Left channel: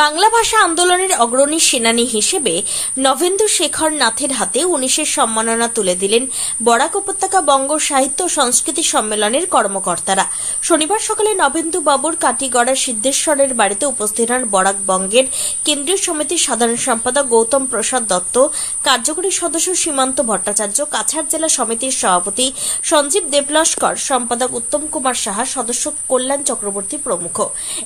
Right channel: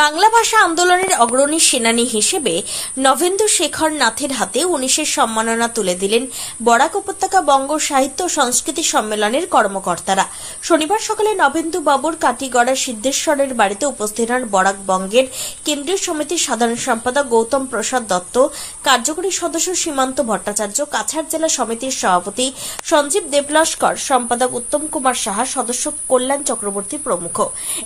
বাংলা ভাষা আন্দোলনের অগ্রণী সেনানী হিসেবে নবেন্দু শেখর নাথের হাতে 19-এর সম্মাননা তুলে দিলেন বরাক উপত্যকা বঙ্গ সাহিত্য ও সংস্কৃতি সম্মেলনের কর্মকর্তারা। শনিবার সকালে নবেন্দু বাবুর কাটিগড়া সিদ্ধেশ্বরের বাড়িতে উপস্থিত হন বরাক বঙ্গের কেন্দ্রীয় সমিতির সাধারণ সম্পাদক গৌতম প্রসাদ দত্ত, কার্যকরী সদস্য সীমান্ত ভট্টাচার্য, কাছাড় জেলা সমিতির সভাপতি সঞ্জীব দেবলস্কর, সম্পাদক উত্তম কুমার সাহা, সদস্য কল্যাণ চক্রবর্তী প্রমুখ।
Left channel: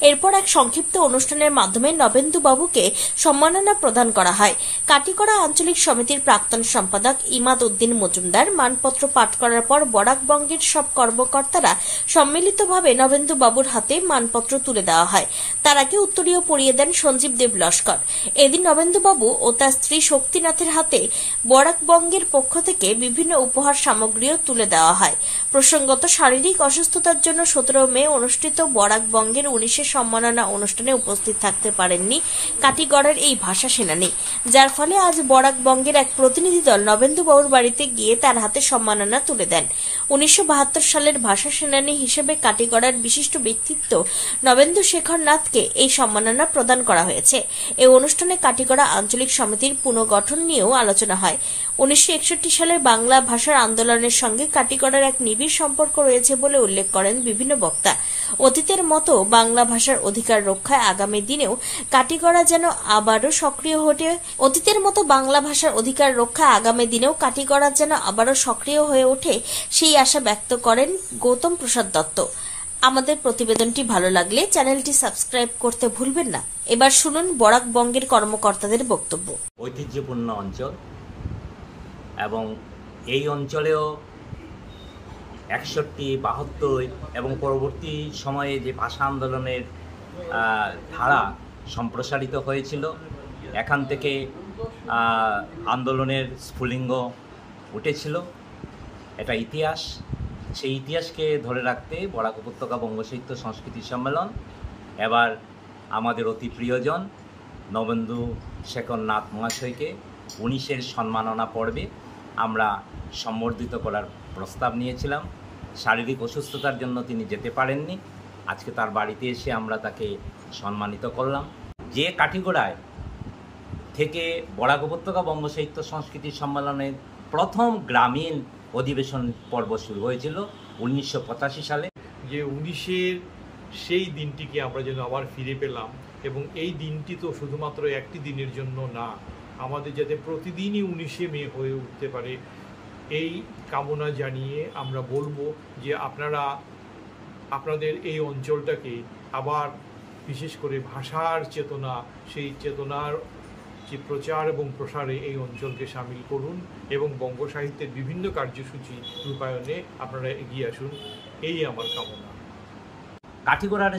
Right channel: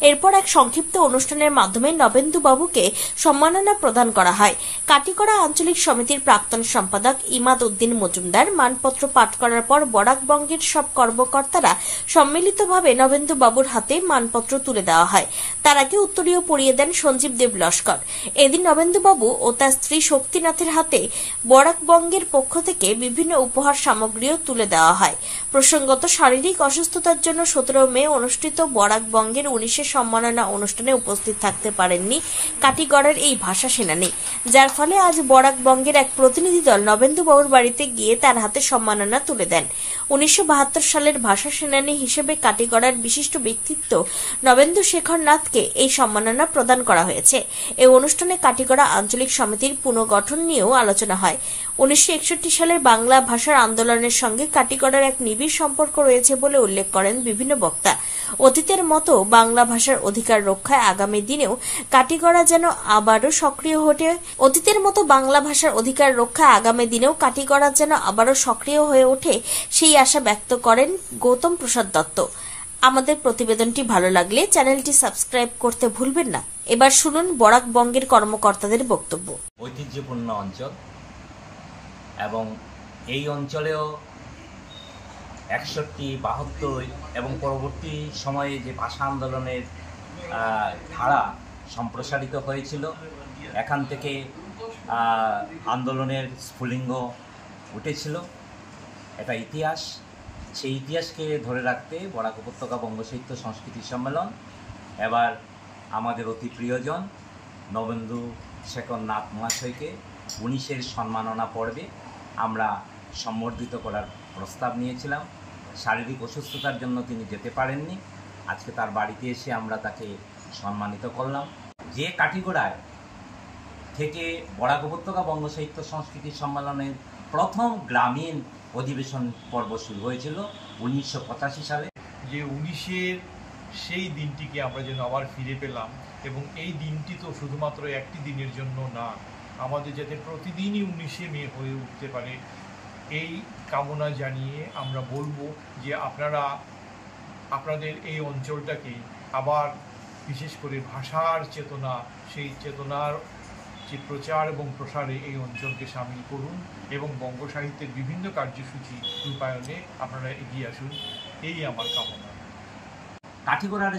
এরপর এক সংক্ষিপ্ত অনুষ্ঠানের মাধ্যমে নবেন্দু বাবুকে সম্মাননা প্রদান করা হয়। কাটিগড়া আঞ্চলিক সমিতির প্রাক্তন সম্পাদক ইমাদ উদ্দিন মজুমদার মানপত্র পাঠ করার পর বরাক বঙ্গের সব কর্মকর্তারা সম্মিলিতভাবে নবেন্দু বাবুর হাতে মানপত্র তুলে দেওয়া হয়। তার আগে উত্তরীয় পরিয়ে দেন সঞ্জীব দেবলস্কর। এদিন নবেন্দু বাবু ও তার স্ত্রী শক্তিনাথের হাতে বরাক বঙ্গের পক্ষ থেকে বিভিন্ন উপহার সামগ্রীও তুলে দেওয়া হয়। প্রসঙ্গত, শারীরিক অসুস্থতার জন্য 17 মে অনুষ্ঠিত বরাক বঙ্গের 19-এর সম্মাননা অনুষ্ঠানে উপস্থিত থাকতে পারেননি কাটিগড়ার এই ভাষা সেনানী, যার ফলে আজ বরাক বঙ্গের এক প্রতিনিধি দল নবেন্দু বাবুর বাড়িতে গিয়ে তার হাতে সম্মাননা তুলে দেন। 1972 সালের ভাষা সেনানী হিসেবে কাটিগড়ার বিশিষ্ট ব্যক্তিত্ব নবেন্দু শেখর নাথকে এই সম্মাননা প্রদান করা হয়েছে। এই অনুষ্ঠানে কাটিগড়া আঞ্চলিক সমিতির পুনর্গঠন নিয়েও আলোচনা হয়। 1961 সালের বাংলা ভাষার আন্দোলনের সঙ্গে কাটিগড়ার এক নিবিড় সম্পর্ক রয়েছে বলে উল্লেখ করেন বিভিন্ন বক্তা। অতীতের মতো বাংলা ভাষার অধিকার রক্ষায় আগামী দিনেও কাটিগড়া যেন আবারও সক্রিয় হয়ে ওঠে সেই আশা ব্যক্ত করেন গৌতম প্রসাদ দত্ত। আমাদের প্রতিবেদনটি ভালো লাগলে চ্যানেলটি সাবস্ক্রাইব করতে ভুলবেন না। এবার শুনুন বরাক বঙ্গের কর্মকর্তাদের বক্তব্য। ঐতিহ্যপূর্ণ অঞ্চল এবং এই অঞ্চলেও 61, 72 এবং পরবর্তী সময়ে যে ভাষা আন্দোলনের ধারা সম্প্রসারিত হয়েছিল, এখান থেকে আন্দোলনের স্ফুলিঙ্গ উঠেছিল। এটা ইতিহাস। সেই ইতিহাসকে ধরে রাখতে বরাক উপত্যকা বঙ্গ সাহিত্য সংস্কৃতি সম্মেলন এবার আমাদের অতি প্রিয়জন নবেন্দু শেখর নাথ মহাশয়কে 19-এর সম্মাননা পর্বে আমরা সম্বর্ধিত করার প্রস্তাব নিয়েছিলাম। শারীরিক অসুস্থতার জন্য তিনি যেতে পারেননি। আজকে তার বাড়িতে এসে আমরা তাকে সম্মানিত করলাম। যে কাঠিগড়ায় থেকে বরাক উপত্যকা বঙ্গ সাহিত্য সংস্কৃতি সম্মেলনের প্রথম গ্রামীণ অধিবেশন পর্ব শুরু হয়েছিল 1985 সালে, যে 19-এর সেই দিনটিকে আমরা যেন আবার ফিরে পেলাম। এবং এই দিনটি তো শুধুমাত্র একটি দিনের জন্য না, আমাদের যাতে প্রতিদিনই 19শে মে হয়ে উঠতে পারে এই কামনা জানিয়ে আমরা বলবো যে আপনারা আপনাদের এই অঞ্চলটাকে আবার বিশেষ করে ভাষার চেতনা, সেই চেতনার যে প্রচার এবং প্রসারে এই অঞ্চলকে সামিল করুন এবং বঙ্গ সাহিত্যের বিভিন্ন কার্যসূচি রূপায়ণে আপনারা এগিয়ে আসুন, এই আমার কামনা। কাঠিগড়ার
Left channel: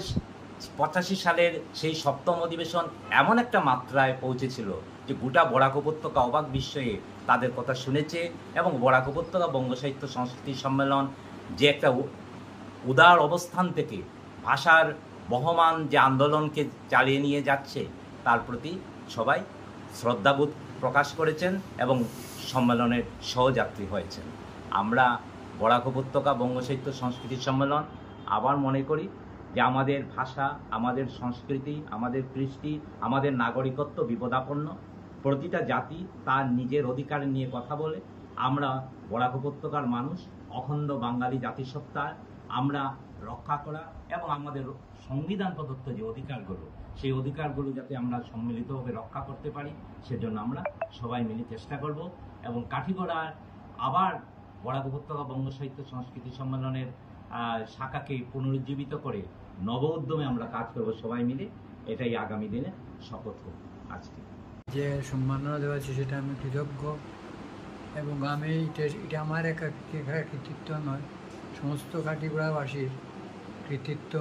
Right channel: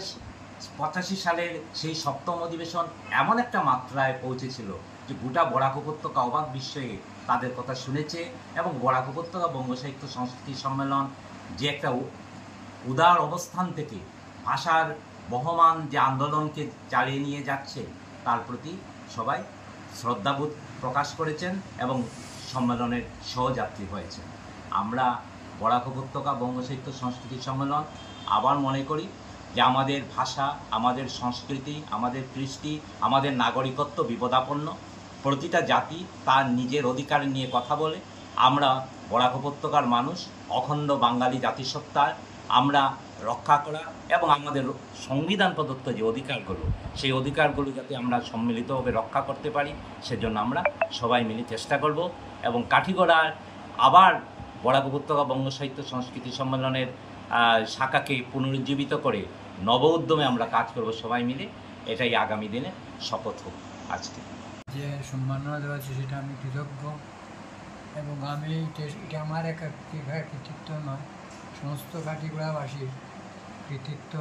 85 সালের সেই 7ম অধিবেশন এমন একটা মাত্রায় পৌঁছেছিল যে গোটা বরাক উপত্যকা অবাক বিস্ময়ে তাদের কথা শুনেছে এবং বরাক উপত্যকা বঙ্গ সাহিত্য সংস্কৃতি সম্মেলন যে একটা উদার অবস্থান থেকে ভাষার বহমান যে আন্দোলনকে চালিয়ে নিয়ে যাচ্ছে তার প্রতি সবাই শ্রদ্ধাবোধ প্রকাশ করেছেন এবং সম্মেলনের সহযাত্রী হয়েছেন। আমরা বরাক উপত্যকা বঙ্গ সাহিত্য সংস্কৃতি সম্মেলন আবার মনে করি যে আমাদের ভাষা, আমাদের সংস্কৃতি, আমাদের কৃষ্টি, আমাদের নাগরিকত্ব বিপদাপন্ন। প্রতিটা জাতি তার নিজের অধিকার নিয়ে কথা বলে। আমরা বরাক উপত্যকার মানুষ, অখণ্ড বাঙালি জাতিসত্তার আমরা রক্ষা করা এবং আমাদের সংবিধান প্রদত্ত যে অধিকারগুলো, সেই অধিকারগুলো যাতে আমরা সম্মিলিতভাবে রক্ষা করতে পারি, সেজন্য আমরা সবাই মিলে চেষ্টা করব। এবং কাঠিগড়ার আবার বরাক উপত্যকা বঙ্গ সাহিত্য সংস্কৃতি সম্মেলনের শাখাকে পুনরুজ্জীবিত করে নব উদ্যমে আমরা কাজ করব সবাই মিলে। এটাই আগামী দিনে শপথ হোক। আজকে যে সম্মাননা দেওয়া হচ্ছে সেটা আমি কৃতজ্ঞ এবং আমি এটা আমার একা কৃতিত্ব নয়, সমস্ত কাঠিগড়াবাসীর কৃতিত্ব।